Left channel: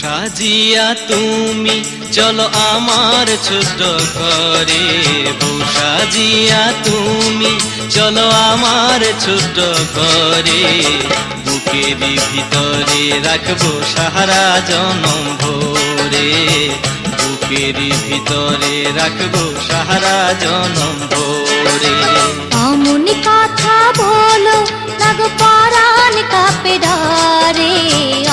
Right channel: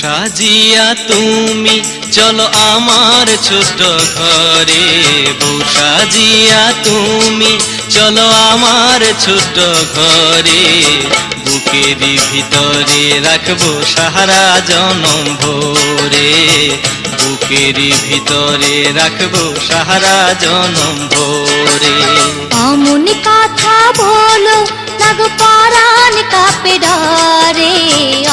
সাজিয়া তুমি চলো আমার ছোট্ট ঘরে, বউ সাজিয়া তুমি চলো আমার ছোট্ট ঘরে, বুকের ভিতরে রাখবো সারা জনম ভরে, বুকের ভিতরে রাখবো সারা জনম ভরে। অমন কথা বলো লাগো পরাণ কাঁপে ডরে,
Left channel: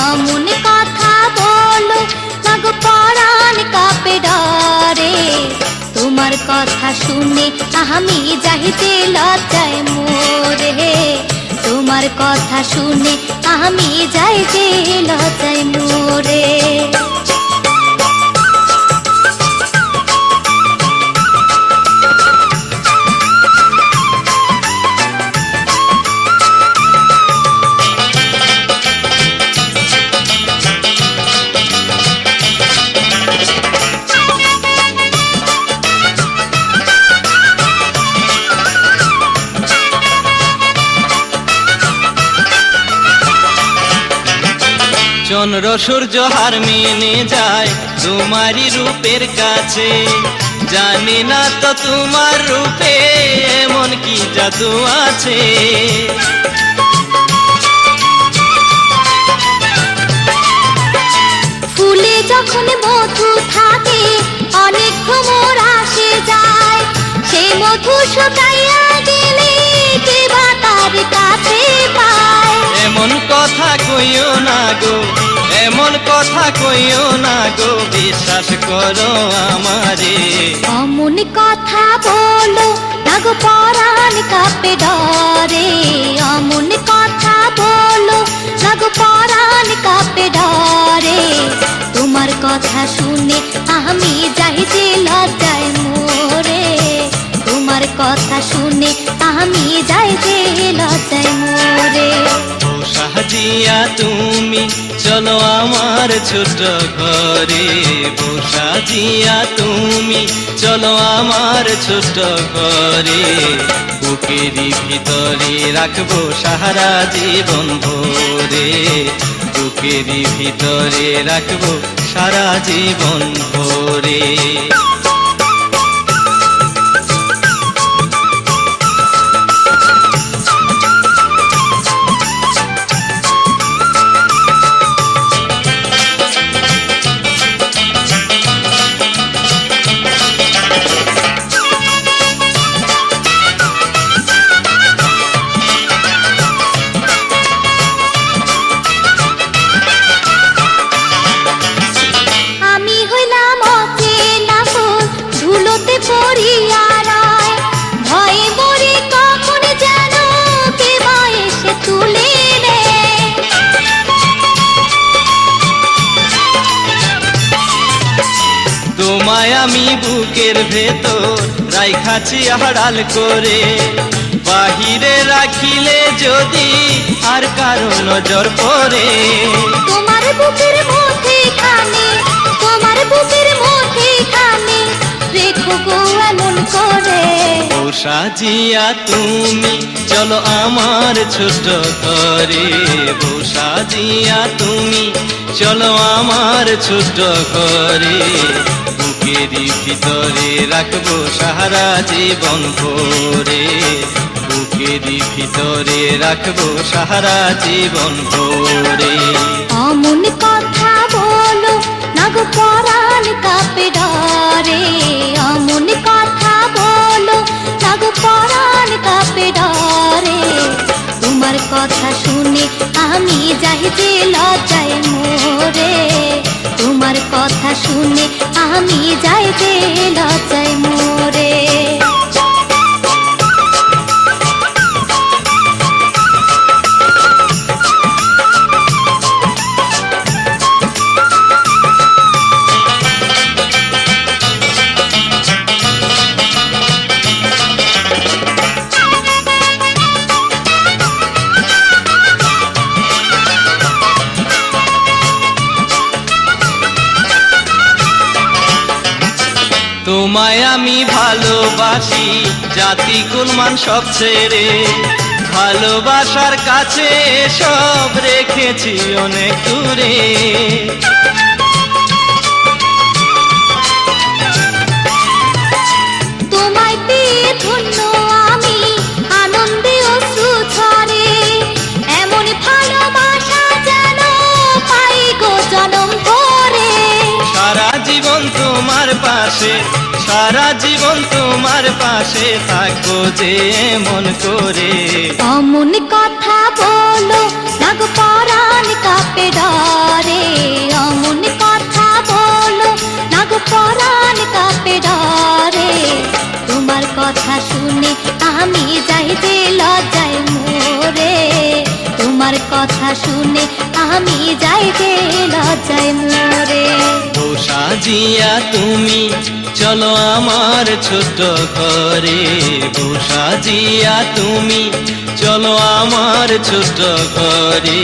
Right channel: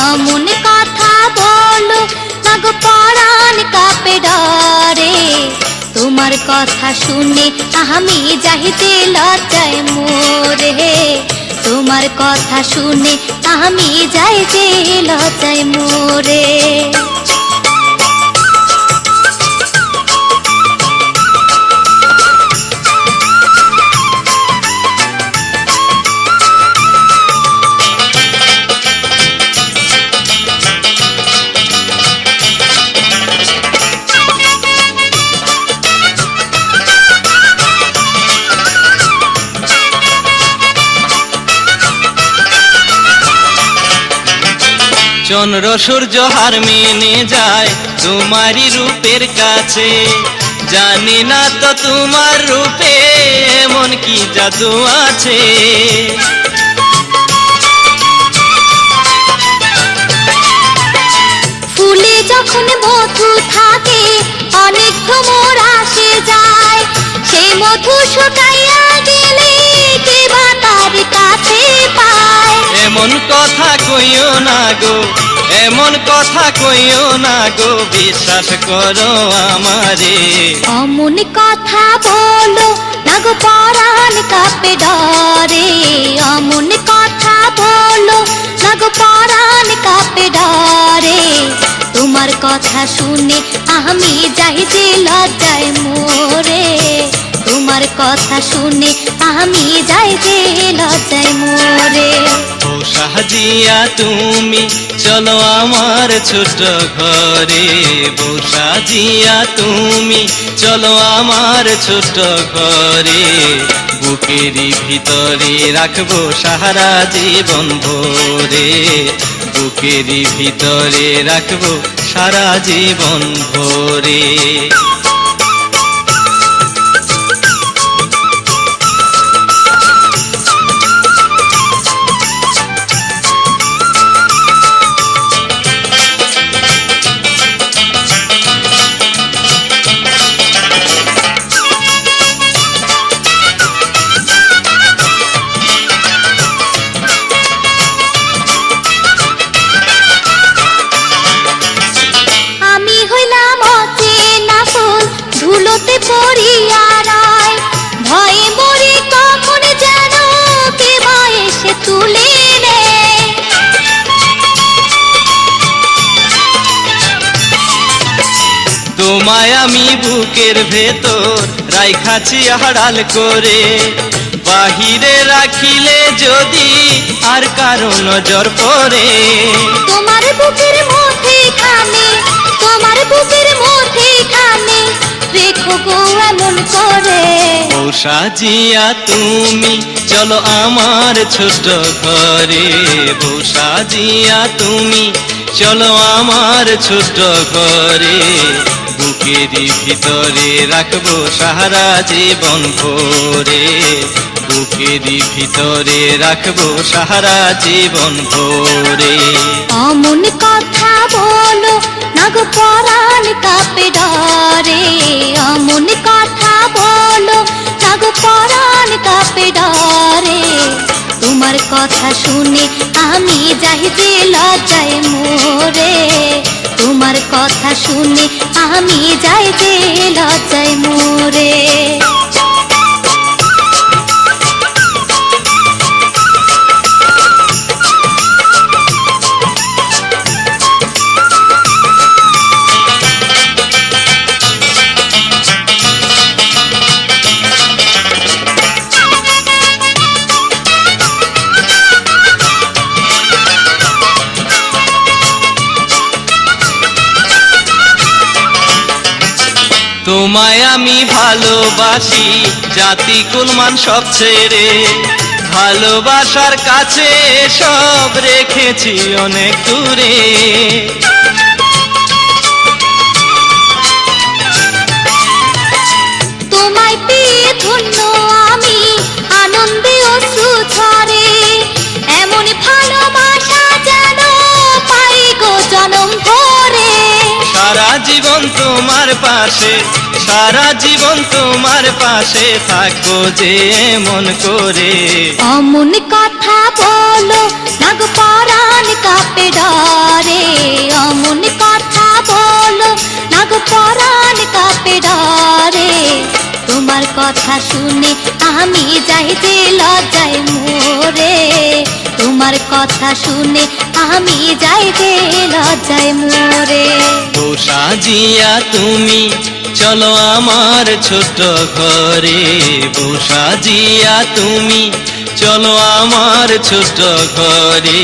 অমন কথা বলো লাগো পরাণ কাঁপে ডরে, তোমার কথা শুনে আমি যাইতে লজ্জায় মোরে, তোমার কথা শুনে আমি যাইতে লজ্জায় মোরে। চন্দ্র সূর্য হার মেনে যায় তোমারই রূপের কাছে, জানি না তো তোমার রূপে এমন কি জাদু আছে। ফুলে যখন মধু থাকে অনেক ভ্রমর আসে যায়, সেই মধু শুকাইয়া গেলে কে বা তার কাছে পায়। এমন কথা কইও না গো, এমন কথা কইও না গো, বিশ্বাস করো আমারে। অমন কথা বলো না গো পরাণ কাঁপে ডরে, অমন কথা বলো না গো পরাণ কাঁপে ডরে, তোমার কথা শুনে আমি যাইতে লজ্জায় মোরে, তোমার কথা শুনে আমি যাইতে লজ্জায় মোরে। ও সাজিয়া তুমি চলো আমার ছোট্ট ঘরে, বউ সাজিয়া তুমি চলো আমার ছোট্ট ঘরে, বুকের ভিতরে রাখবো সারা জীবন ভরে, বুকের ভিতরে রাখবো সারা জীবন ভরে। পড়িয়া রয় ভয়ে মরে কখন যেন কে বয়সে তুলে নেয়। তোমায় আমি বুকের ভেতর রাইখাছি আড়াল করে, বাহিরে রাখিলে যদি আর কারো নজর পড়ে। তোমার বুকের মধ্যে খানে, তোমার বুকের মধ্যে খানে রেখো গো এমন করে। ও সাজিয়া তুমি চলো আমার ছোট্ট ঘরে, বউ সাজিয়া তুমি চলো আমার ছোট্ট ঘরে, বুকের ভিতরে রাখবো সারা জীবন ভরে, বুকের ভিতরে রাখবো সারা জীবন ভরে। অমন কথা বলো না গো পরাণ কাঁপে ডরে, অমন কথা বলো না গো পরাণ কাঁপে ডরে, তোমার তোমার কথা শুনে আমি যাই যে লজ্জায় মোরে, তোমার কথা শুনে আমি যাই যে লজ্জায় মোরে। তোমায় আমি ভালোবাসি, জাতি কুলমান সব ছেড়ে, ভালোবাসার কাছে সব রেখেছি অনেক দূরে। তোমায় পেয়ে ধন্য আমি, আনন্দে অশ্রু ঝরে, এমন ভালোবাসা যেন পাই গো জনম ভরে। সারা জীবন তোমার পাশে, সারা জীবন তোমার পাশে থাকবো যে মন করে। অমন কথা বলো না গো পরাণ কাঁপে ডরে, অমন কথা বলো না গো পরাণ কাঁপে ডরে। তোমার কথা শুনে আমি যাই যে লজ্জায় মোরে, তোমার কথা শুনে আমি যাই যে লজ্জায় মোরে। ও সাজিয়া তুমি চলো আমার ছোট্ট ঘরে, ও সাজিয়া তুমি চলো আমার ছোট্ট ঘরে,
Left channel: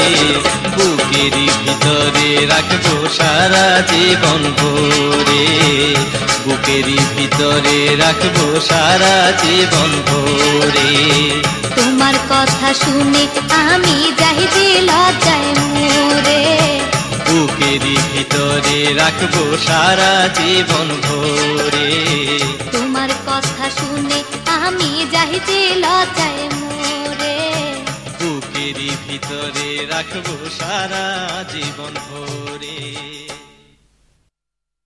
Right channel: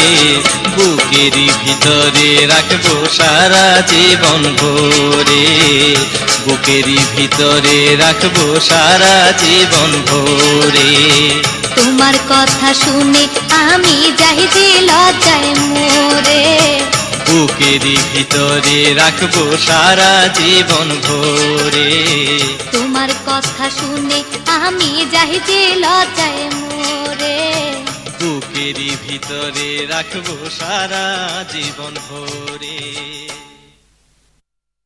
বুকের ভিতরে রাখবো সারা জীবন ভরে, বুকের ভিতরে রাখবো সারা জীবন ভরে। তোমার কথা শুনে আমি যাই যে লজ্জায় মোরে, বুকের ভিতরে রাখবো সারা জীবন ভরে। তোমার কথা শুনে আমি যাই যে লজ্জায় মোরে, বুকের ভিতরে রাখবো সারা জীবন ভরে।